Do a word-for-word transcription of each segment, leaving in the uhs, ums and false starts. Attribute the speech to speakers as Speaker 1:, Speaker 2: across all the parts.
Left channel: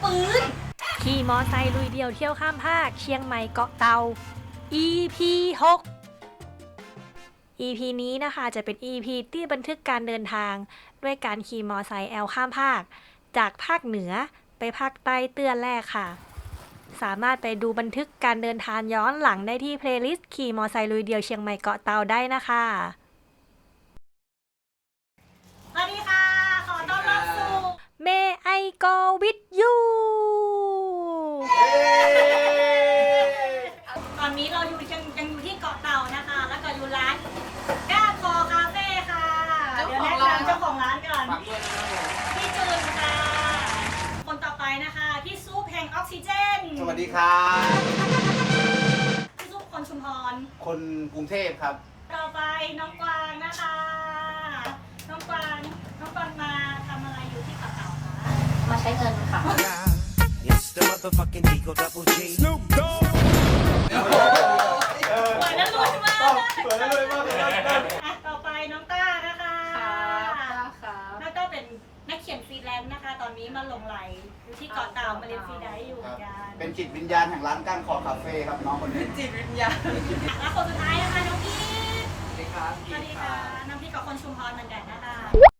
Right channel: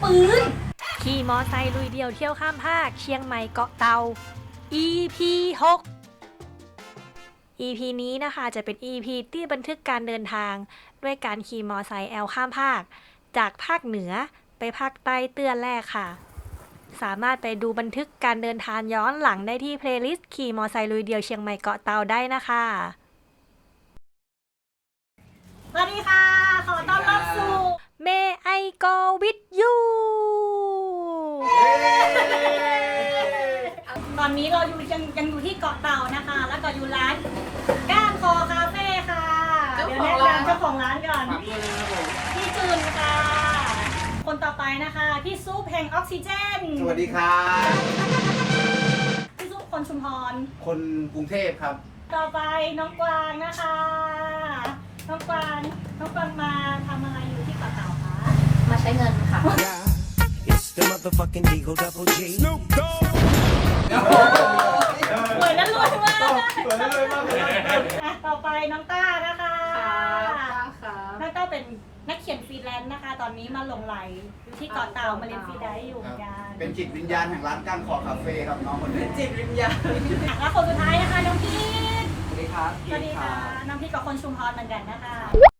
Speaker 1: ปืนขี่มอไซค์ลุยเดี่ยวเที่ยวข้ามภาคเชียงใหม่เกาะเตา อี พี หก อี พี นี้นะคะจะเป็น อี พี ที่บันทึกการเดินทางด้วยการขี่มอไซค์แอลข้ามภาคจากภาคเหนือไปภาคใต้เตื้อแรกค่ะสามารถไปดูบันทึกการเดินทางย้อนหลังได้ที่เพลย์ลิสต์ขี่มอไซค์ลุยเดี่ยวเชียงใหม่เกาะเตาได้นะคะสวัสดีค่ะขอต้อนรับสู่ May I Go With You ตอนนี้เราอยู่ยังยังอยู่ที่เกาะเต่านะคะแล้วก็อยู่ร้านก้านคอคาเฟ่ค่ะเดี๋ยวแนะนำเจ้าของร้านก่อนพี่จูนค่ะคนต่อไปนะคะพี่ซุปแห่งออกซิเจน
Speaker 2: สวัสดีครับ
Speaker 1: พี่ซุปคนชุมพร
Speaker 2: คนกรุงเทพครับ
Speaker 1: ต่อไปน้องกวางนะคะน้องกวางน้องกวางมาทำอะไรอยู่ที่เกาะเต่าคะ
Speaker 3: มาใช้เงินค่ะ
Speaker 1: เหมือนแล้วรวยมาก
Speaker 2: เหมือนแล้วรวยมากเลย
Speaker 1: ต่อไปน้องต้านะคะ
Speaker 3: ค่ะ
Speaker 1: น้องต้าเป็นนักเขียนฟรีแลนซ์นะคะตอนนี้มาหลงไหลอยู่ที่เกาะเต่ามาเรียนฟรีไดซ์อยู่เหมือนกัน
Speaker 2: เป็นจิตวิญญาณแห่งร้านก้านคอคาเฟ่ครับน้องคนนี้
Speaker 3: เป็นจิตวิญญาณ
Speaker 1: แล้วคนสุดท้ายนะคะน้องพีท
Speaker 2: สวัสดีครับ
Speaker 1: สวัสดีค่ะน้องพีทกับคนชุมพรเหมือนกันนะคะ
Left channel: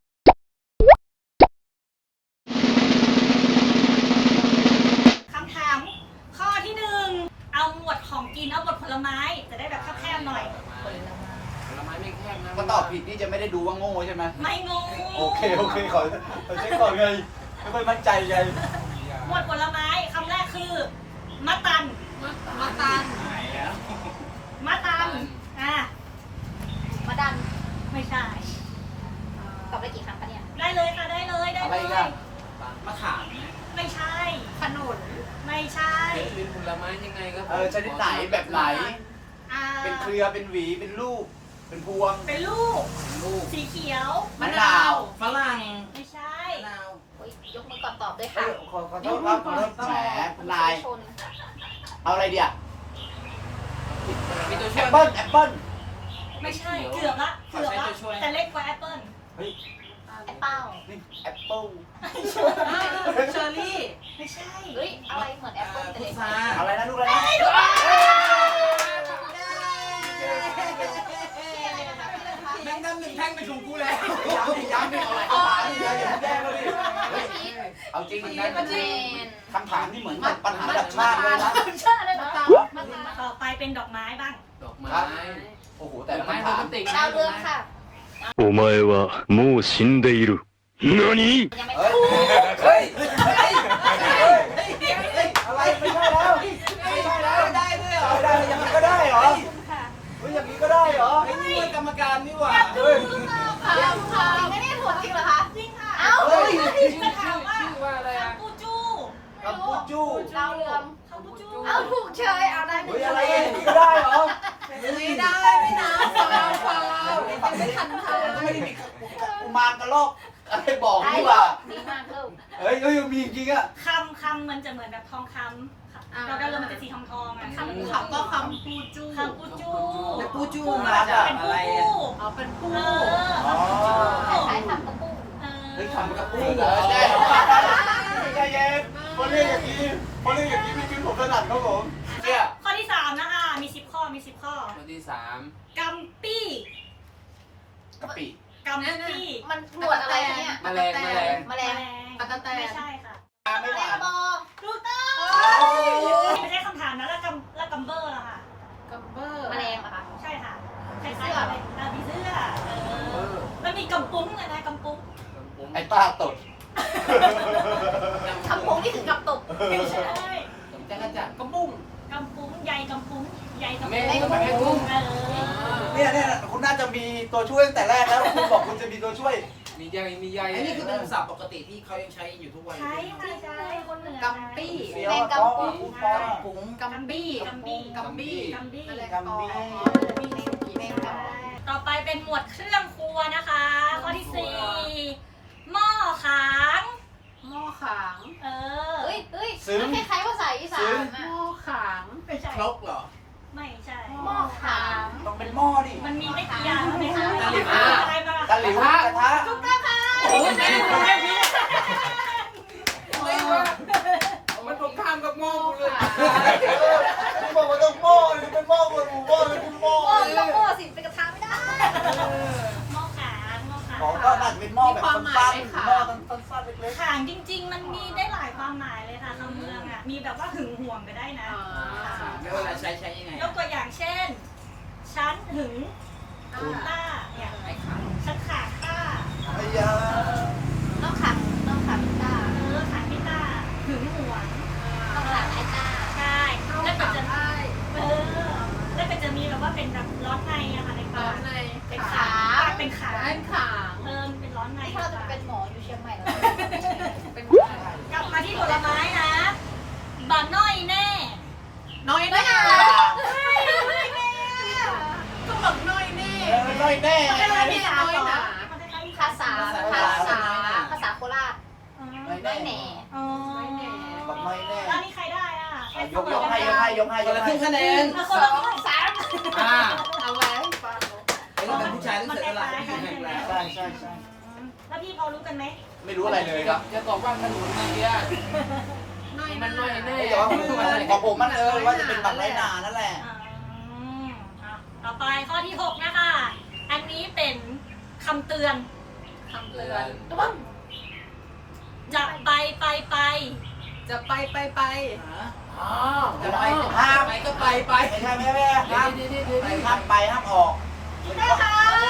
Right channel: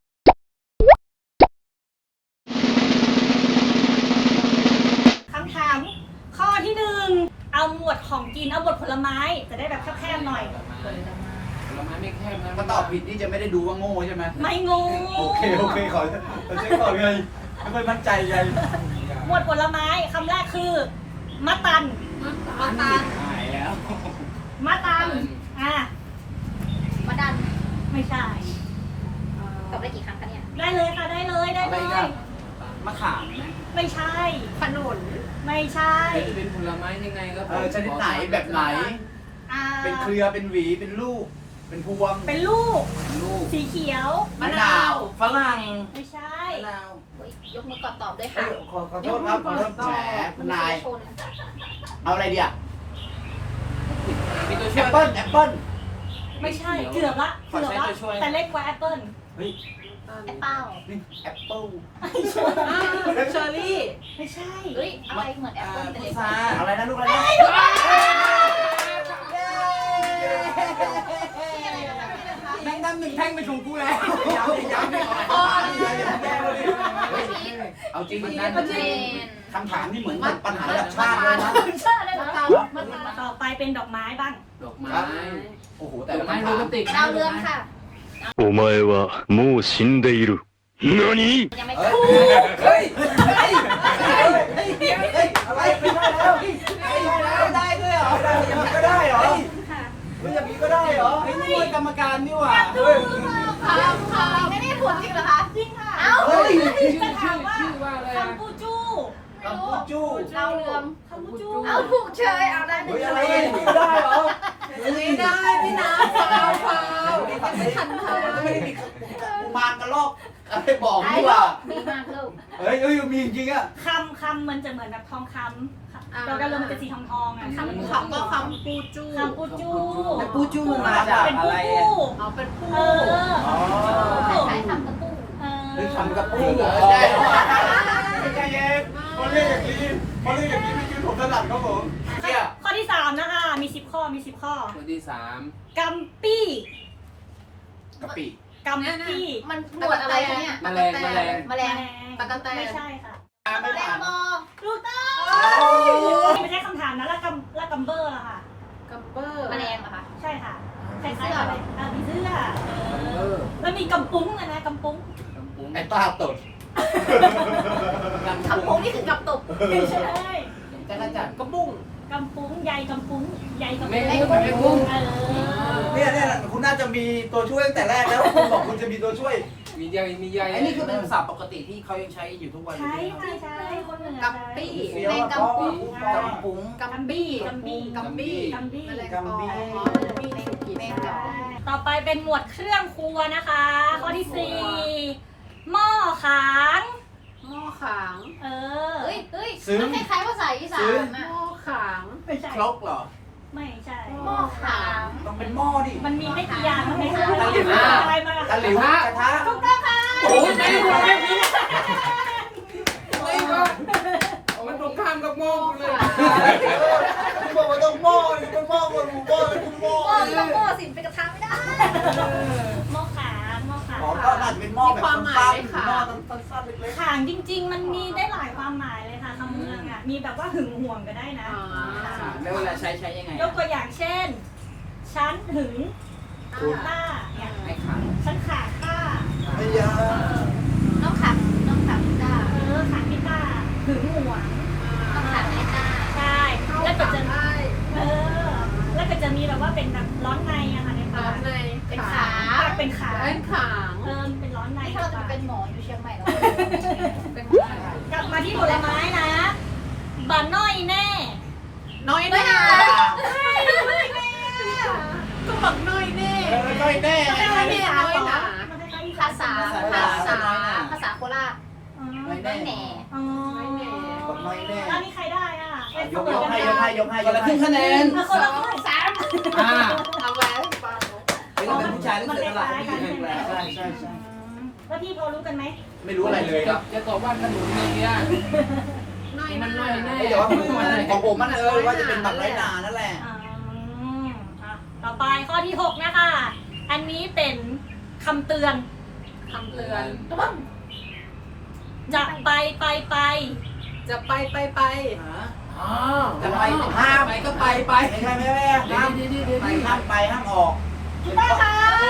Speaker 1: คำถามข้อที่หนึ่งเอาหมวดของกินเอาหมวดผลไม้จะได้แบบแคบๆหน่อย
Speaker 4: ผลไม้ไม่แคบนะ
Speaker 2: ก็ตอบผิดนี่จะไม่ได้ดูว่าโง่ใช่ไหม
Speaker 1: ไม่งง
Speaker 2: โอเคโอเคขอขอเช็คก่อนไงไม่ค่อยมั่นใจไง
Speaker 1: หมวดผลไม้คำแรกคือมะตัน
Speaker 3: มะตัน
Speaker 2: หายแล้ว
Speaker 1: มะตันอ่ะ
Speaker 3: มะดัน
Speaker 1: ไม่ใช่
Speaker 3: ตอบได้กี่ครั้งคะเนี่ย
Speaker 1: ได้เลยค่ะได้เลยได้เลย
Speaker 2: มะขาม
Speaker 1: ไม่ใช่
Speaker 3: ขนุน
Speaker 1: ไม่ใช่
Speaker 4: เป็นผลไม้ยังไงครับ
Speaker 2: เออชนิดไหนแบบไหนเป็นเครือเป็นหวีเป็นลูกเป็นพวง
Speaker 1: เป็นลูกสีเขียว
Speaker 2: มะนาวฝรั่ง
Speaker 1: ไม่ใช่
Speaker 3: ยกมือก่อนตอบด้วยค่ะ
Speaker 2: ขอขอโทษครับขอโทษแหมคุณนายเอาอะไรดีอ่ะแอปเปิ้ลแอปเปิ้ล
Speaker 1: ไม่ใช่เกือบละเกือบละแต่เล็กกว่าแอปเปิ้ล
Speaker 2: เฮ้ย
Speaker 3: แอปเปิ้ล
Speaker 2: แอปเปิ้ล
Speaker 3: เชอร์รี่
Speaker 1: ไม่ใช่
Speaker 3: เฮ้ยอะไรเหมือนแอปเปิ้ลแต่เล็ก
Speaker 2: อะไรนะลูกอะไรนะแม่งนั่งหนึ่งแท่งไปถูกกูแล้วเอาจริงนะคำถามที่เหมือนปัญหาแบบชาติเลยนะ
Speaker 1: ต่อไปเป็นดอกไม้บ้าง
Speaker 4: ดอกไม้
Speaker 2: โอ้โหแต่
Speaker 4: ดอกไม้โรแมนติก
Speaker 3: ดาวเรืองค่ะ
Speaker 5: お前はもう死んでいる。何？
Speaker 3: ยังไม่ถูก
Speaker 2: เฮ้ยเฮ้ยเฮ้ยอะไรไม่ได้แล้วได้ด้วยเหรอได้ยังก็ได้เหรอไม่อย่างนี้ก็ได้เหรอไอ้นี่เป็นกรรมการนี่หว่า
Speaker 3: ถูกค่ะค่ะไม่ได้ถูกจริงเหรอคะ
Speaker 1: จริงค่ะ
Speaker 3: เอ้า
Speaker 1: เฮ้ยจะถามว่าคำปูจู
Speaker 2: คำปูจู
Speaker 3: ดาวเรือง
Speaker 1: คำปูจู
Speaker 3: เอาถูกเฉยเอาได้หนึ่ง
Speaker 2: อะไรไม่ได้เหรอ
Speaker 3: ไม่ได้พี่น้ำฟาวฟาวยังไม่ทันทาย
Speaker 2: มากระลอกอะไรบอกดีกว่า
Speaker 3: มีมากลูก
Speaker 2: เฮ้ยเฮ้ยมีจริงอ่ะ
Speaker 1: คำคำมันจะเหมือนแบบทองคำดาวเรืองมันจะสีทองทองอ่ะคำ
Speaker 3: คำก็คำปูจู
Speaker 1: คำปูจู
Speaker 2: เป็นปูจู
Speaker 1: เป็นปูปู
Speaker 3: เอาเป็นปู
Speaker 1: เออ
Speaker 3: ใช้คำกระปู
Speaker 2: เฮ้ยคำกระปูใจเย็นพอเรียกอย่างนี้พอเรียกอย่างนี้ไม่คิดผมถนัดครับผม
Speaker 1: ข้อที่สามนะคะมีสิบข้อมีสิบข้อ
Speaker 4: ข้อที่สาม
Speaker 1: กัมปี้
Speaker 2: กะปิ
Speaker 1: กัมปี้
Speaker 3: มันหมวดอะไรเนี่ย
Speaker 4: แมลงแมลง
Speaker 3: แมลงตะกั่วแตน
Speaker 1: ไม่ใช่ค่ะ
Speaker 3: แมลงบอ
Speaker 1: ถูกต้องไม่ใช่คำถามนะแล้วกัมแล้วกัมเบอร์ล่ะค่ะ
Speaker 3: กัมเบอร์แมลงเหรอคะ
Speaker 1: ใช่ค่ะคล้ายๆอะไรอ่ามีเสื้อมันมีกัมปุ้งอะนะกัมปุ้ง
Speaker 2: ไอ้ป้าตด
Speaker 3: กัมปุ้งนี่คือกัมตก
Speaker 1: ไม่ใช่
Speaker 2: จักรจันทร์
Speaker 4: กระบุ้ง
Speaker 1: กัมปุ้งใหญ่กัมปุ้งใหญ่กัมปุ้ง
Speaker 4: แม่กุ้ง
Speaker 2: เนี่ยเนี่ยคุณน่าจะมีตัวช่วยตั้งแต่แรกแล้วคุณบอกคุณจะมีตัวช่วย
Speaker 4: มีใยมีใย
Speaker 2: อันนี้คือเป็นภาษาปกติที่เขายังใช้อยู่ทุกวัน
Speaker 1: ใช่ใช่ใช่คนเหนือ
Speaker 3: กัมปี้แมงกัมปุ้ง
Speaker 2: กัมปุ้ง
Speaker 3: กัมบี้
Speaker 1: กัมบี้
Speaker 3: กัมบี้
Speaker 1: กัมบี้
Speaker 3: แมลงปอมีในกี่แมงกัม
Speaker 1: ต่อไปเป็นหมวดเครื่องครัวนะคะข้อที่สี่หม้อขาง
Speaker 3: หม้อขาง
Speaker 1: เออ
Speaker 3: เฮ้ยเฮ้ยมันคล้ายๆภาษาอีสานหม้อขาง
Speaker 1: ไม่ใช่
Speaker 2: ครกเหรอ
Speaker 1: ไม่ใช่
Speaker 3: หม้อขาง
Speaker 2: ต้องเป็นหม้อดิ
Speaker 1: มันมีไม่กี่อย่างมันมี
Speaker 2: ตะหลิว
Speaker 1: อะไรมา
Speaker 2: ตะหลิวกระทะ
Speaker 1: ถูกต้องค่ะ
Speaker 4: โอ้ยไม่รู้ไม่รู้
Speaker 2: ไม่รู้
Speaker 4: ำกับโม่เลย
Speaker 2: บอกว่าต้องโม่มันโม่มันโม่มันโม่
Speaker 3: โม่ต้องโม่สิเป็นกระทะไม่ได้
Speaker 1: หม้อขาหม้อขา
Speaker 2: หมอก็น่าจะเป็นหม้อแบบสั้นๆหม้อสั้นๆเล็ก
Speaker 1: ขางจริง ๆ มันมีได้หลายความหมายเลยค่ะคำเมืองอ่ะมีแบบว่าหึงห่วงก็ได้นะ
Speaker 2: แล้วเวลาใช้ใช้ยังไง
Speaker 1: ยกตัวอย่างเช่น ฉันหึงล่าเนี่ยฉันขาฆ่า
Speaker 2: ไอ้ยา
Speaker 3: น้องขับน้องขับตา
Speaker 1: เออขาพิต้าหึงหวง
Speaker 3: น้องขับไอ้ตา
Speaker 1: ใช่แล้วก็จะเออแล้วก็จะมีแบบว่าเป็นแบบร้อนในอะค่ะในปากเป็นขาเป็นขา
Speaker 3: เป็นขาง
Speaker 1: เออเป็นร้อนใน
Speaker 3: นี่ถ้าเราจะเป็นหมออยู่เชียงใหม่แล้วเป็น
Speaker 1: กลับมาที่ผลไม้นะบะน้อยแน่
Speaker 3: น้อยแน่ก็บอกน้อยแน่
Speaker 2: น้อยแน่
Speaker 3: น้อยแน่น้อยหนา
Speaker 1: มันคล้ายๆ
Speaker 3: ภาษาภาษาภาษาโคราช
Speaker 1: อ๋อ
Speaker 3: น้อยแน่
Speaker 1: อ๋อ
Speaker 2: บอกน้อยแน่
Speaker 1: แล้วนี่ใครได้อ่ะ
Speaker 2: ยกยกให้ยกให้ยกให้ยกให้คะแนน
Speaker 1: มาคนละครึ่งสาม
Speaker 4: อ่า
Speaker 3: เอาไว้ฟัง
Speaker 2: เราเป็นผู้ชายรู้สึกอะไรใช่ใช่ใช่
Speaker 1: แล้วพี่พอรู้กันไหม
Speaker 2: ไม่รู้อะไรเลยครับ
Speaker 4: จะตอบว่าขนมในเนี้ย
Speaker 3: น้อย
Speaker 4: มันน้อยแน่
Speaker 2: แต่ว่าของผมมันเออว่าจะเป็นบัตรไรนานั่นแหละ
Speaker 1: อืมอ่ะต่อไปข้อที่หกนะคะ อันนี้เป็นคำเตือน
Speaker 3: คำเตือน
Speaker 1: จะไปไปไป
Speaker 3: จะไปไปไป
Speaker 4: อ๋อ
Speaker 2: จะไปห้ามก็ไปไปไม่ใช่ไม่ใช่ห้ามไปห้ามไปห้ามออก
Speaker 1: ได้ค่ะ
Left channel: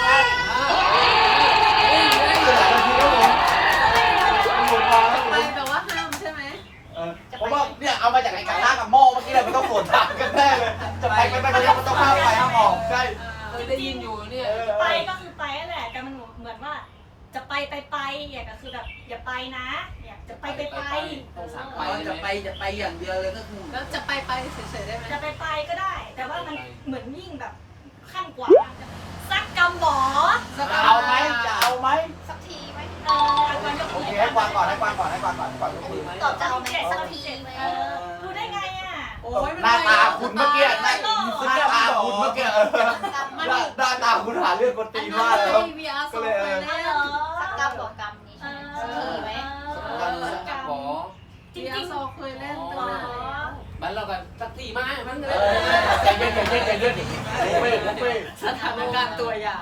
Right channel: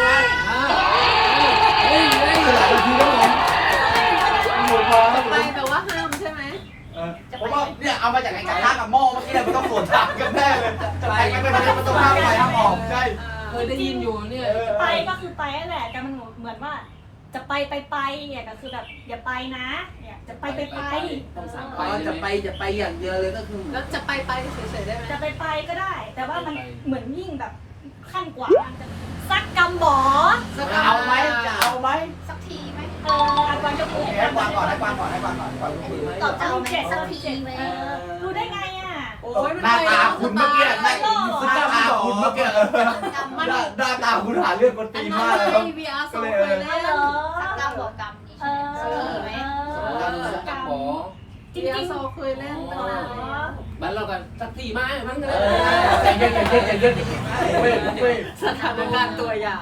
Speaker 3: ไปแปลว่าห้ามใช่ไหม
Speaker 2: เพราะว่าเนี่ยเอามาจากไอ้ไก่ห้างกับหม้อเมื่อกี้มันต้องสวนทางกันแน่จะไปไปไปไปมันต้องห้ามไปห้ามออกใช่
Speaker 4: เคยได้ยินอยู่เนี่ย
Speaker 1: ไปก็คือไปนั่นแหละแต่มันเหมือนว่า จะไปไปไปเนี่ยก็คือแบบอย่าไปนะเนี่ยจะไปไปไป
Speaker 4: ต้องสั่ง
Speaker 2: ไปจะไปจะไปอย่างเดียวเลยก็คือ
Speaker 3: แล้วจะไปไปเฉยๆได้ไหม
Speaker 1: จะไปไปก็ได้ แต่ว่ามันเหมือนยิ่งแบบขั้นกว่าซักกำหมอ
Speaker 2: จะเอาไหมจะเอาไหม
Speaker 3: สักทีไหม
Speaker 1: เออก่อนจะพูด
Speaker 2: ให้กวางก่อนให้กวางก่อนให้กวางก่อนให้กวางก่อน
Speaker 1: ตอบจะเอาเจ็ดสักทีเจ็ดเออรู้ได้ไงอ่ะ
Speaker 3: โอ้ยมัน
Speaker 2: หน้าตาคุณเมื่อกี้ไม่หน้าตาคุณเมื่อกี้มันหน้าตาคุณหาเรื่องคนตี
Speaker 3: อัน
Speaker 2: น
Speaker 3: นั้น
Speaker 2: มาก
Speaker 3: เล
Speaker 2: เลย
Speaker 3: ย วี อาร์ โซเคยเล่น
Speaker 1: เหรอ
Speaker 3: สักกรรมหัวกรรม
Speaker 1: เออ
Speaker 3: ไหม
Speaker 4: กระป๋อ
Speaker 1: จริ
Speaker 3: วี
Speaker 1: ง
Speaker 3: อา
Speaker 1: จริ
Speaker 3: ร์
Speaker 1: ง
Speaker 3: โซเคยเล่นตั้งนานแล้ว
Speaker 4: บ้านเรากันสักสี่ไม้มั้ง
Speaker 2: เออใจเย็นใจเย็นใจเย็นเว้ยเว้ย
Speaker 3: สถานการณ์ตัวอย่าง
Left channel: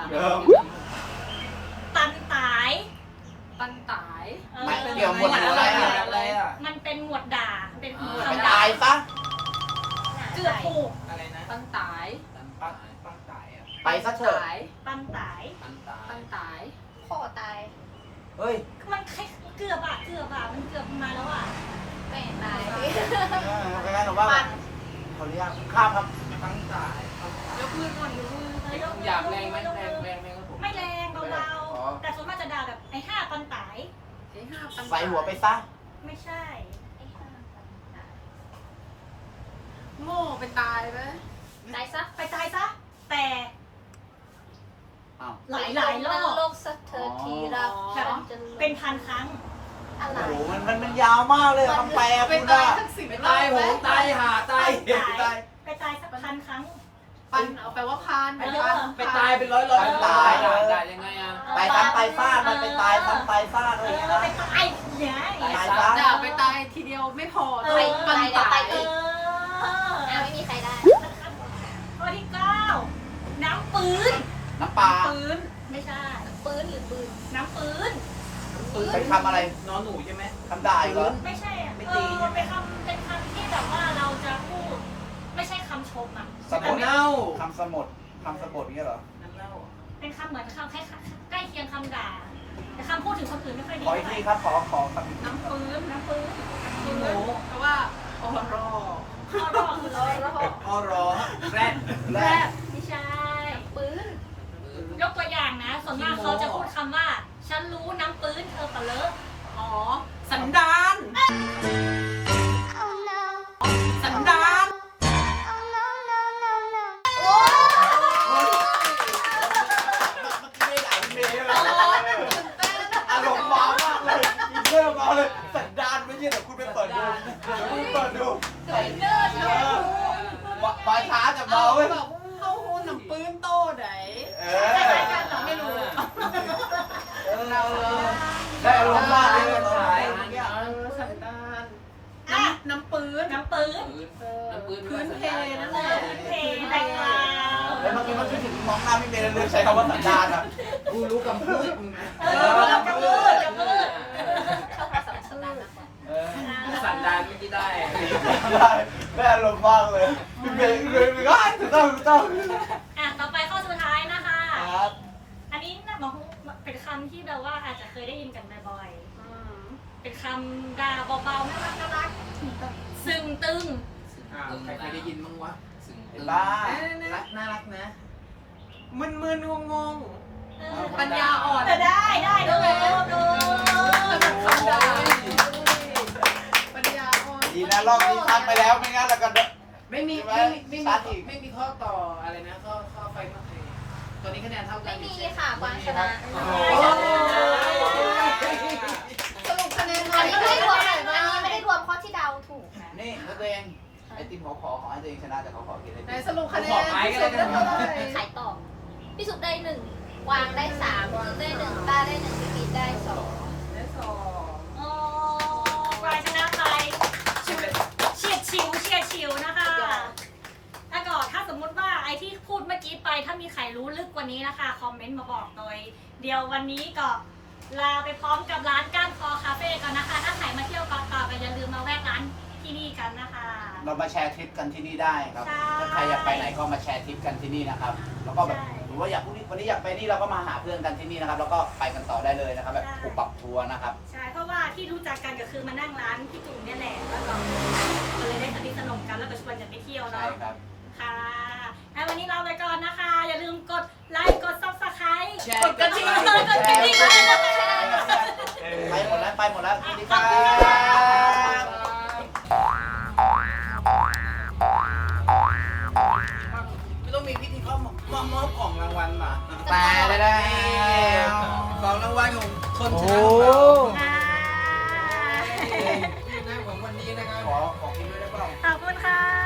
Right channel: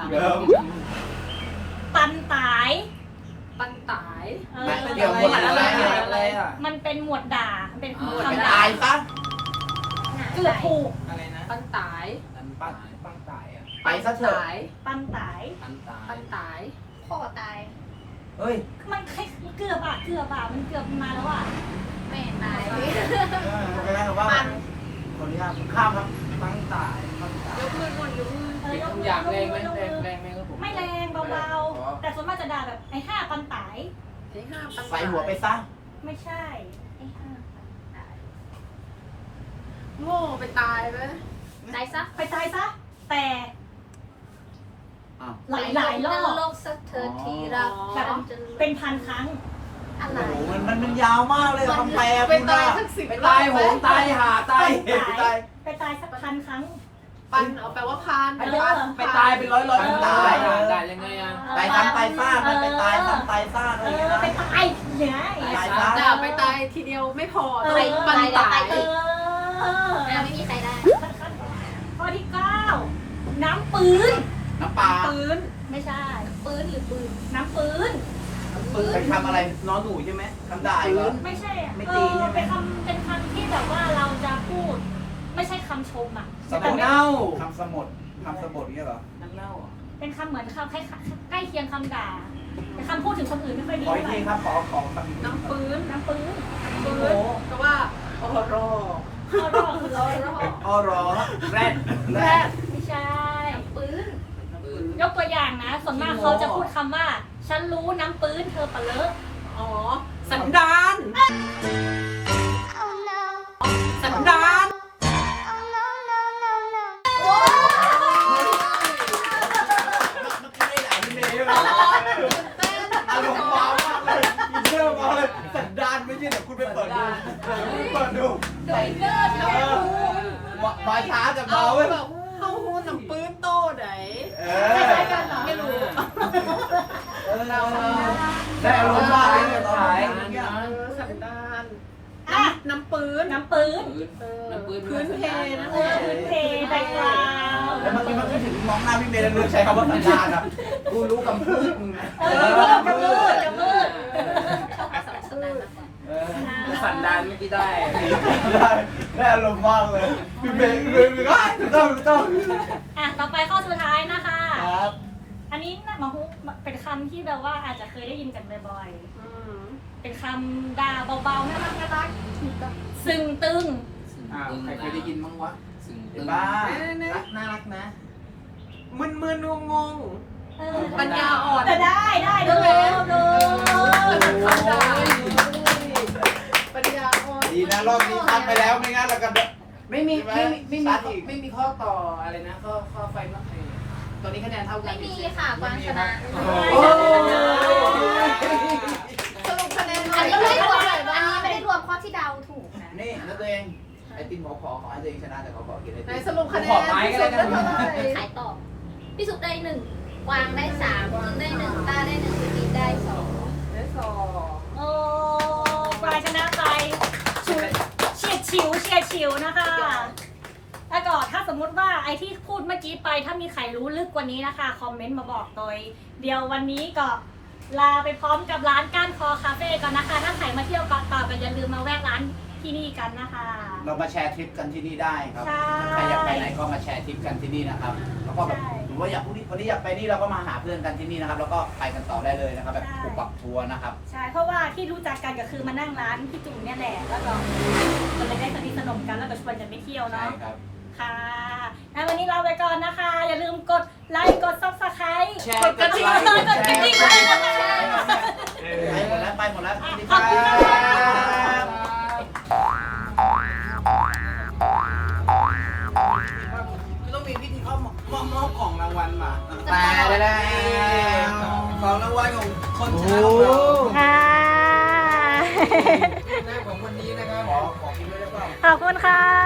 Speaker 1: ปันตาย
Speaker 3: ปันตาย
Speaker 1: เออ
Speaker 2: เดี๋ยวหมดอะไรอะไรอ่ะ
Speaker 1: มันเป็นหมวดด่าเป็นหมวด
Speaker 2: ต
Speaker 1: คำด่า
Speaker 2: ายปะ
Speaker 1: เกือบถูก
Speaker 3: ปันตาย
Speaker 4: ปังปังตายอ่ะ
Speaker 2: ไปซะเถอะ
Speaker 3: ตาย
Speaker 1: ปันตาย
Speaker 4: ปังตาย
Speaker 3: ปันตายพ่อตาย
Speaker 2: เฮ้ย
Speaker 1: มันคล้ายเกือบอะเกือบอะมันเกือบมาแล้วอะ
Speaker 3: ไม่ตาย
Speaker 2: ไม่ได้หรอกว่าขออนุญาตข้ามครับ
Speaker 4: ปังตาย
Speaker 3: ยกมือก่อนยกมือ
Speaker 4: เป็นคำหยาบแรงไหมแรงแรงไหมครับผม
Speaker 1: ไม่แรงเบาๆแต่ส่วนมากจะด่าแบบไอ้ห้าปันตาย
Speaker 3: ไอ้ห้าปัน
Speaker 2: ใส่
Speaker 3: ตาย
Speaker 2: หัวไปซะ
Speaker 1: ไม่ใช่
Speaker 3: ไอ้ห้าปันตายโง่ไปตายไหม
Speaker 1: ตายซะไปตายซะแต่
Speaker 2: อ้าว
Speaker 1: หลายหลายๆรอบ
Speaker 3: โลกสักเธอทีรัก
Speaker 1: แบบเป็นพันครั้ง
Speaker 3: อะไร
Speaker 2: มันมันมันยาวมากเลยคำแปล
Speaker 3: ไปตายทั้งสิบ
Speaker 2: ไป
Speaker 3: รอ
Speaker 2: ตาย
Speaker 3: บ
Speaker 2: โห
Speaker 3: ไหม
Speaker 2: งตายหาตายไปตาย
Speaker 1: ไปตายสักพันครั้ง
Speaker 3: ปันเอาแปลว่าพาน
Speaker 1: เออ
Speaker 2: ไปตายเป็นร้อยร้อย
Speaker 4: ปัง
Speaker 2: ตา
Speaker 4: ตาย
Speaker 2: ย
Speaker 4: ได้ยังไงอ่ะ
Speaker 2: ตายซ้ำตายซ่าไปตายซ้ำตายซ่า
Speaker 1: เออไปตายเนี่ย
Speaker 2: ตาย
Speaker 3: ด่า
Speaker 2: ซ้ำ
Speaker 3: ไปตายทีเดียวไม่พอ
Speaker 1: เอ
Speaker 3: ไป
Speaker 1: อ
Speaker 3: ปันตาย
Speaker 1: เออ
Speaker 3: ไม่มีใครได้
Speaker 1: ข้อที่เก้าน้ำปืน
Speaker 2: น้ำปลา
Speaker 3: ปืน
Speaker 1: ไม่ใช่
Speaker 3: ปืนหรือปืน
Speaker 1: น้ำปืน
Speaker 2: ไปทำอะไรน้องหนูใช่ไหมทำได้เหรอ
Speaker 1: ไม่ใช่อะ
Speaker 2: ไม่
Speaker 1: เอ
Speaker 2: ตี
Speaker 1: อ
Speaker 2: ใช่ไหม
Speaker 1: เป็นคำเป็นคำที่แบบว่าเราจะพูด ไม่ใช่คำชมอ่ะ
Speaker 2: ส
Speaker 1: แต่
Speaker 2: มุด
Speaker 1: ไม่
Speaker 2: เน่าทำสมุดทำสมุดนี่เหรอน้ำเน่า
Speaker 1: เป็นคำเหมือนคำใกล้ใกล้เคียงคำด่าแต่คำพูดถึงคนอื่นไม่ค่อยดี
Speaker 2: ขออี
Speaker 1: เท่าก ไหร่
Speaker 2: ทีครับขอขอคำ
Speaker 3: น้ำปืน
Speaker 1: น้ำปืน
Speaker 3: ปืนแต่ว่าโอ้โหรอ
Speaker 1: เขาเรียกว่าคืออะไรรอบ
Speaker 2: อ๋อรอแรด
Speaker 3: แรก
Speaker 1: ไม่ใช่
Speaker 3: ปืน
Speaker 1: ยกตัวอย่างนะ ส่วนมากเขาจะพูดคำว่า ฉันรู้น้ำปืนเธอปะเลอะ
Speaker 3: อ๋อสันดานสันดาน
Speaker 2: ไม่ไหลเมย์เลยอารมณ์มามากเลยอินเนอร์มาเลยสันดานไม่ใช่เดี๋ยวคุณไปเปิดดูคุณเปิดดู
Speaker 1: โดยเลิศนะ
Speaker 2: มาช้าจะ
Speaker 3: เอา
Speaker 2: เมาเว้ย
Speaker 3: แบบเข้าหูน้ำปืนโตไหน
Speaker 2: เอ
Speaker 1: ค
Speaker 2: อ
Speaker 1: ล้ายๆกันเหรอ
Speaker 3: ไม่รู้
Speaker 2: เราได้อารมณ์มากเลยตอน
Speaker 3: เออสันดาน
Speaker 1: อ่ะ
Speaker 3: น้ำปืน
Speaker 1: น้ำปืน
Speaker 4: น้ำปืน
Speaker 3: พื้นเพนั่นแหละ
Speaker 1: เทแบ็คกราวด์
Speaker 2: แล้วเมื่อกี้มันไม่ถึงมองหน้าพี่เมย์เลยใช้คำว่าสัญญาณครับ
Speaker 4: กูรู้กำพืช
Speaker 1: เออกับกระมืดกระมืด
Speaker 4: สันดานเมื่อกี้ได้
Speaker 2: ได้ได้อารมณ์มากเลยพี่เมย์พี่เมย์พี่เมย์ถูกต้องถูกต้อง
Speaker 1: อ่ะต่อไปข้อสุดท้ายนะคะ
Speaker 2: ครับ
Speaker 1: อันนี้นะมาฮุเป็นคำที่แบบว่าอาจจะเคยได้ยินกันบ่อยๆ เป็นคำด่าเบาๆน่ารักน่ารักซึ่งตึง
Speaker 4: อ่าใครเคยได้ยินมั้งวะซึ่ง
Speaker 2: เห็นบ้า
Speaker 4: น่ารักนะ
Speaker 3: มึนมึนงงงง
Speaker 1: เออ
Speaker 3: ปัญญาอ่อน
Speaker 1: แต่ได้ได้ดูดู
Speaker 3: คำด่าปัญญาอ่อน
Speaker 2: ดีนะรอบนี้ทักไปแล้วไม่งั้นเราก็
Speaker 4: ไม่มีไม่มีไม่มีไม่มีข้อต่ออะไรนะข้อข้อไฟนอกตอนนี้คะแนนเท่ากั
Speaker 6: ไม่
Speaker 4: น
Speaker 6: มีค่ะกวางชนะ
Speaker 3: สรุปคะแนนหน่
Speaker 6: อั
Speaker 3: อน ย
Speaker 6: นี้ไม่ได้รวม
Speaker 3: เท่าไหร่
Speaker 6: อัน
Speaker 3: บ้า
Speaker 6: นี้
Speaker 3: ง
Speaker 6: ไม่ได้รวมข้อที่เดาถูกนะ
Speaker 2: นี่แล้วตัวเองไอติมขอขอขอให้ตัวเองชนะแต่ขอขอกินไอ
Speaker 3: ไหน
Speaker 2: ติม
Speaker 3: สรุปคะแนนพี่สุดได้เท่าไหร่
Speaker 6: ขายต่อพี่สุกได้หนึ่งกวางได้สามน้องได้หนึ่งป้าได้หนึ่งพี่ได้สอง
Speaker 3: ได้สอง
Speaker 1: โอ้ปลายชนะไปเฉียดฉิวเฉียดฉิวนะคะแล้วก็ถ้าสมมุติว่าไอที่พูดเมื่อกี้ไปถ้ามีใครรู้ลึกกว่านี้นะคะ คอมเมนต์มาบอกโดยเดียววันนี้ก็ลาไปพร้อมกับร้านก้านคอคาเฟ่ก่อนนะคะ ถ้าใครมาเที่ยวเกาะเต่าก็อย่าลืมมาแวะร้านที่นี่กันนะคะ
Speaker 2: เรามาแชร์ทริปกันที่นี่ได้ครับ
Speaker 1: ใช่
Speaker 2: ใครอยากไปไหนก็มาแชร์ทริปกันที่นี่นะครับ แล้วก็แบบ
Speaker 1: ใช่
Speaker 2: หรือว่าอยากวันนี้วันนี้อยากไปนี่เราก็มาหาเพื่อนกันที่นี่นะครับ แล้วก็ไปกันต่อได้เลยนะครับ แบบปุบปับทัวร์นะครับ
Speaker 1: ใช่ เพราะว่าที่รู้จักกันก็คือมานั่งร้านพี่จุ๋มเนี่ยแหละ แล้วก็มันเลยได้สนิทสนมกันแล้วก็ชวนกันไปเที่ยว
Speaker 2: ใช่
Speaker 1: เนาะ
Speaker 2: ครับ
Speaker 1: ค่ะแล้ววันนี้เราไปก่อนนะคะ อย่าลืมกดไลค์ กดซับสไครต์กดกระดิ่งกดกระดิ่งเลยนะคะ
Speaker 2: ไปหมดแล้วไปหมดแล้ว
Speaker 1: ขอบคุณค่ะ
Speaker 2: ไม่ต้องมีพิธีเขามอบมอบของรางวัลมา
Speaker 4: ตายแล้ว
Speaker 2: ของรางวัลของคนช
Speaker 4: โอ้
Speaker 2: นะ
Speaker 1: อ่า
Speaker 4: หน้าของวันนี้นะครับ
Speaker 2: ขอขอกินด้วยได้เปล่า
Speaker 1: ขอบคุณค่ะ